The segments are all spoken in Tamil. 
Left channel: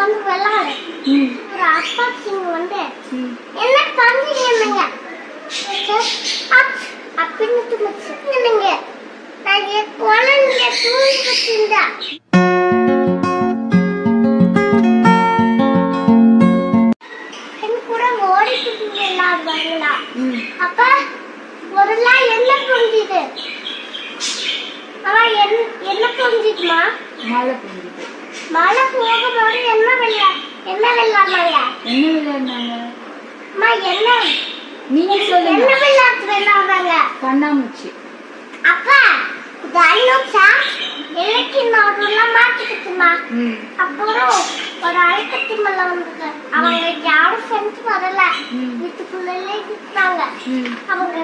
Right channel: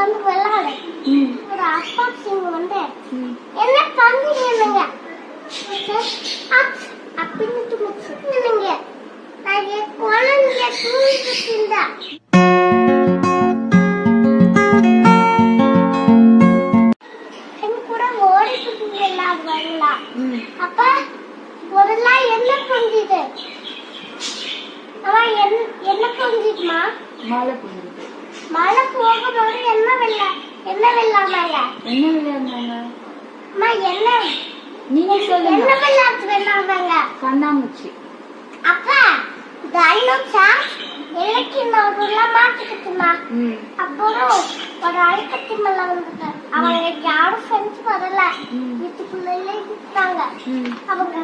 வந்து விளையாடு. ஒரு அப்பா சிங் வந்து என்ன பண்றீங்க அப்படின்னு துணிச்சுங்க. நான் குழந்தை தூங்கிட்டு இருந்தா கூட ஓடிக்கிட்டு விளையாடுவாங்களா? அப்ப முதல்ல என்ன புரிஞ்சுது? அவன் என்ன புரிஞ்சுக்குமா? மழை போகும்போது என்ன விளையாடுனாங்க? நீங்க சொல்லுங்க. என்ன விளையாட்டு விளையாடுறாங்க? கண்ணாமூச்சி. அப்ப டைனோசா எலக்கி நடுவுல மாட்டிக்கிட்டுமா. அப்புறம் ஒரு அழுக்கத்தி மல்ல வந்தது. அவங்க யாரும் செஞ்சு வரல, வீட்டுக்குள்ளே விட்டாங்க. அவங்க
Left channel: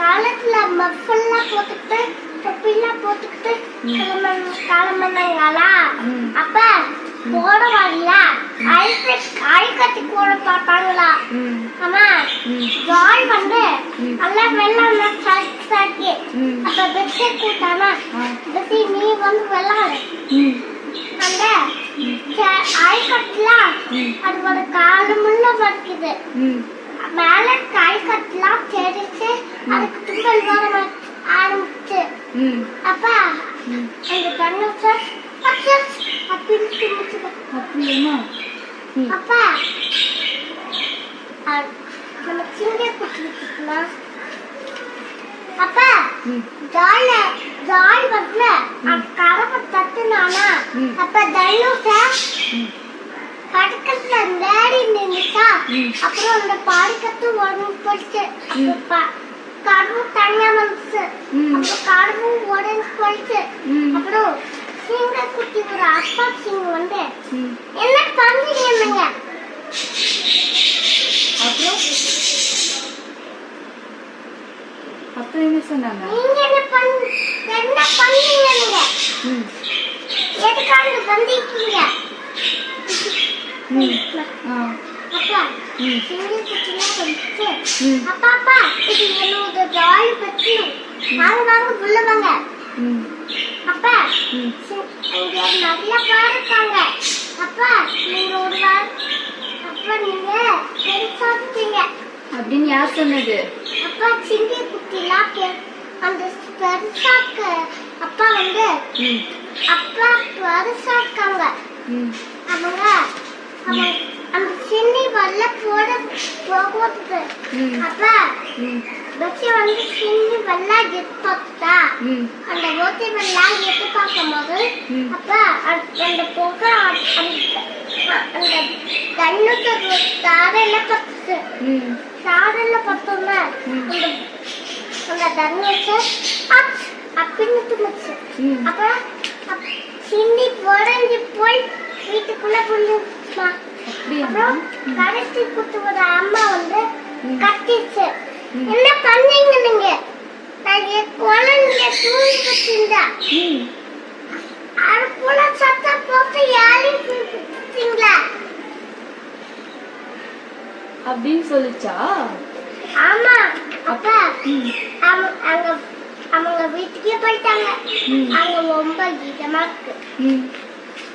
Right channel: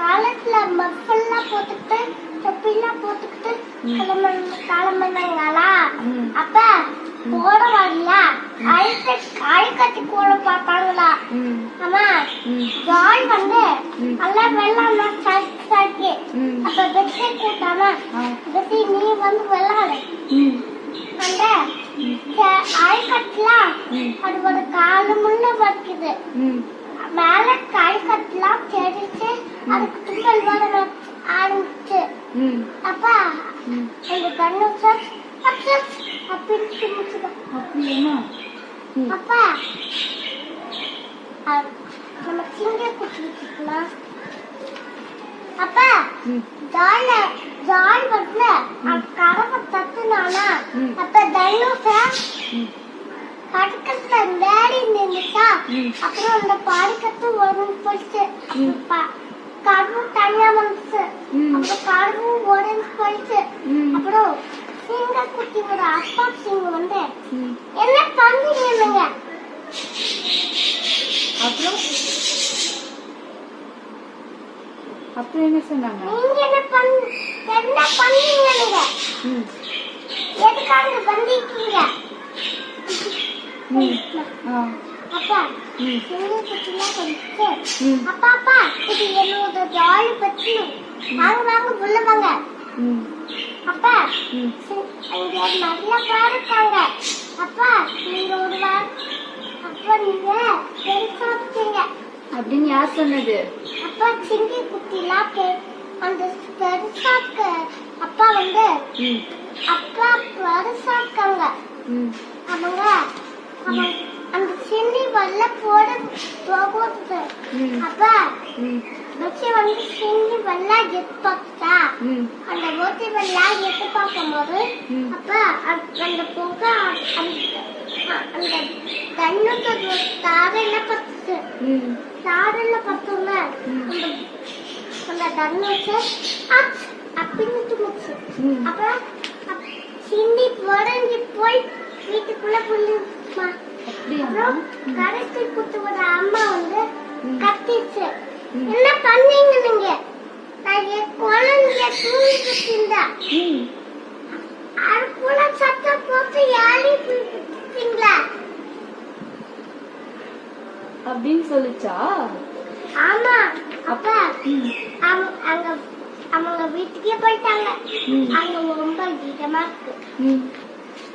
காலத்துல மஃபெல்லாம் போட்டுக்கிட்டு தொப்பிலாம் போட்டுக்கிட்டு கிளம்புனாங்களா? அப்ப போட வரல, அழுக்கத்தி கூட பார்ப்பாங்களா? ஆமா, ஜாய் வந்து நல்லா வெள்ளம் சாக்கி. அப்ப பெட்ஷீ கூட்டானா பெட்ஷீ நீ வந்து விளையாடு. அந்த அழுக்கட்டுலாம் அது ஒரு காலு முள்ள வச்சுது. மேல அழுக்கட்டுலாம் தெரிச்சு அதுக்கு தும்பல் வர ஆரம்பிச்சு. அப்ப அந்த கண்ணு அப்ப நம்ம சிங்க குட்டிக்கலாம். அப்ப ஜாய் வரல, கரவை தட்டுனானா? அப்ப டைனோசர் படுக்கத்துல வேடி நின்றுச்சா. அப்புறம் அந்த பாடிக்கத்து உடனே போயிடுச்சு. கடவு தனியா வந்துச்சு. அப்புறம் கடவு உடனே போயிடுச்சு. அப்புறம் சிங்க குட்டி ஒரு அப்பா சிங் வந்து என்ன பண்றீங்க? அப்புறம் என்ன சொன்னாங்க? நீங்க என்ன பண்ணீங்க? நீங்க எதுக்காக வந்திருக்கீங்க? அப்பா சிங்க குட்டிலாம் வந்துச்சு. அப்பா இது என்னோட ஜாய் பற்றி வாங்க உள்ள வாங்க. அப்பா இங்க நிறைய பேர் இருக்காங்க. அப்பா நீங்க ஒரு அப்பா நீங்க பெருசாட்டீங்க அப்படின்னு யார் சொன்னது? அப்பா சிங்க குட்டிலாம் அந்த பெருசாக்க அப்பா வந்து அப்பா பெருசாக்காங்க. அவங்க அந்த சின்னி வல்ல போகுது. அப்ப பச்சி வந்து சின்னி வல்ல எதிர்பார்த்தா அந்த ஓட்டி வல்ல எதிர்பார்க்கும் போது அப்ப அந்த புகை அந்த கண்ணுக்கு தாரையில பத்துச்சு. தாரையில பத்தோம்னா அந்த தண்ணுச்சு அப்படின்னு துணிச்சு. அப்ப சின்னி உடஞ்சி போய் வீட்டுக்குள்ள புரிஞ்சுமா. அப்புறம் கடைசி குத்துவோட அம்மா வந்து கத்திச்சு. என்ன பண்ணீங்க நீங்க? நான் குழந்தை தூங்கிட்டு இருந்தா அதுக்குள்ள சத்தம் போட்டு யாரையும் அப்படின்னு சொல்லிச்சா? ஆமா. அப்ப அவங்க வீட்டுக்கே போயிட்டாங்க. அங்க ரொம்ப இதமா இருக்கு.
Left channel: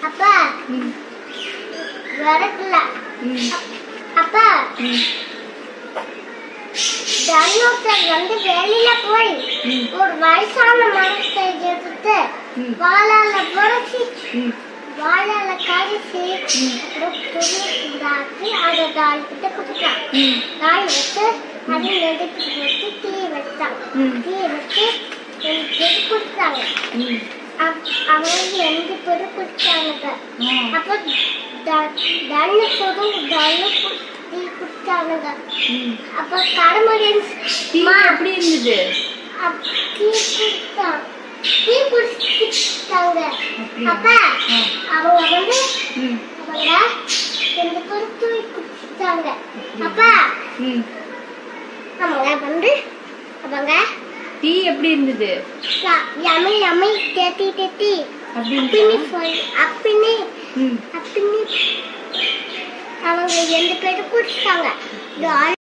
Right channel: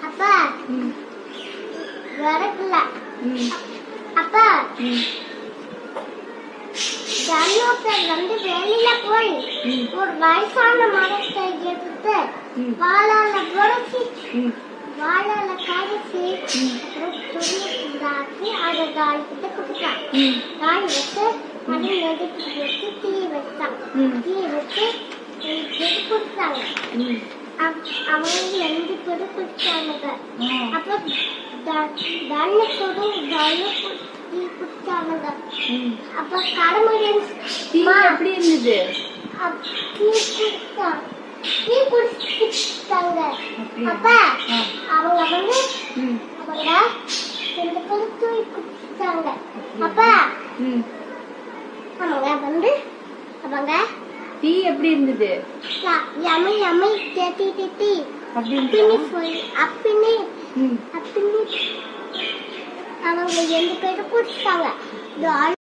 அப்ப வரல. அப்ப தர்மத்துல வந்து வெளியில போய் ஒரு வயசான மரத்தை எடுத்து வாழால புரட்சி வாழால கரைச்சி அப்புறம் துணிக்கு அதை தாய்கிட்ட கொடுத்தான். தாய் வச்சு அதை நெடுத்து வச்சு தீ வச்சாங்க. தீ வச்சு 2 பேர் குடிச்சாங்க. அவங்க 2 பேரும் குடிச்சாங்க. அப்ப தண்ணுக்கு டீ குடிச்சாங்க. அப்ப கடமுடி எப்படி இருந்தது? டீ குடிச்சாங்க. அப்ப அவங்க வந்து அவங்க 2 பேரும் தூய் குடிச்சாங்க. அப்ப அவங்க வந்து அவங்க டீ எப்படி இருந்தது? யம்மி யம்மி டேட்டி டேட்டி அப்படின்னு அவங்க 2 பேரும் குடிச்சாங்க.